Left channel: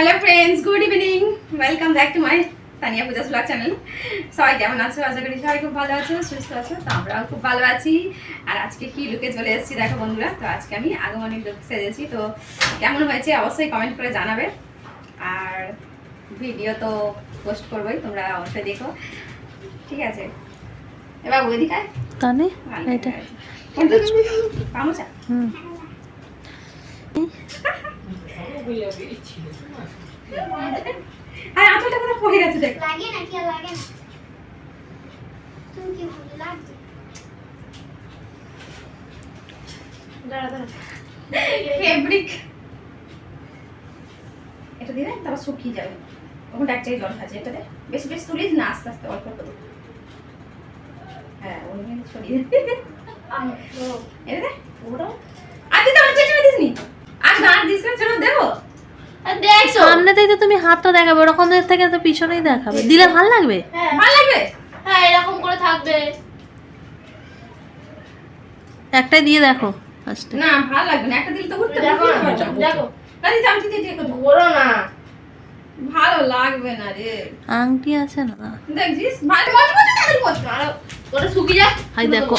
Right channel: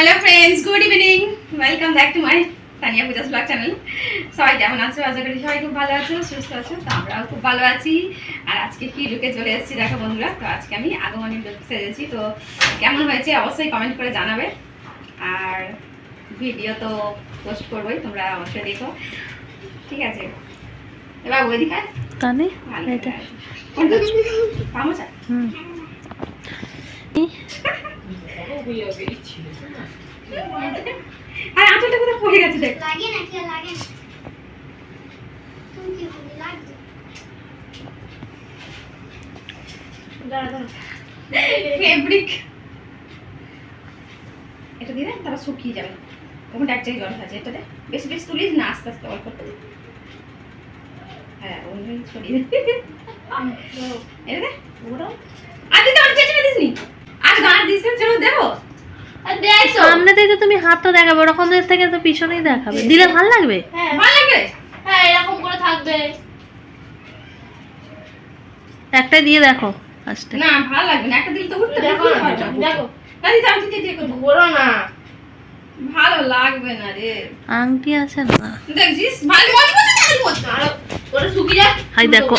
Hello friends good evening welcome back to my Tania Puja vlog channel সবাই কেমন আছো? আশা করি সবাই খুব ভালো আছো সুস্থ আছো তো আমরাও খুব ভালো আছি। আর আজকে কি লুকে চলে এসেছি দেখো বন্ধুরা তো আজকে আমি আগমনী লুক সেজেছি। তো কেমন হয়েছে অবশ্যই কমেন্ট করে জানাবে। আর ভিডিও তো পোস্ট করবোই তোমরা অবশ্যই দেখো। ঠিক আছে। এবার ওই দিকে কানে? ভালো এটা। কোনটা? পামোচা? হুম। আর আঁচলটা কোথাও পড়ে গেছে দেখ। লাগে না কি লাগে না? তুমি কি বলি লাগবে ফেব্রিক এটা দিলে তারপর শুকিয়ে যাবে। তখন এক জায়গায় জল আছে এটাতে বেশি বেশি তুলিস না আস্তে আস্তে অল্প করে। হ্যাঁ অন্য ছড়িয়ে দে। এটা দে আর দিতে আমার পেছনে দিস নি সামনে থেকে তুমি হাতটা দেখাবে ওরকম থেকে তো পিছনেই দেখাবে। দিলে ভালো লাগবে? হ্যাঁ। ভালো লাগবে? হ্যাঁ এরকম করে থাকবে। একটাই দিয়ে দেখো ফার্স্টে না ভালো লাগবে না। একটা দিলে তো উঠতে দেখো আমি না। ভালো লাগবে না রে। আংটি আছে না? দেখছিস? ভালো মজবুত তাহলে মজবুত আর ওটা শুকিয়ে যাক। হাই দেখো।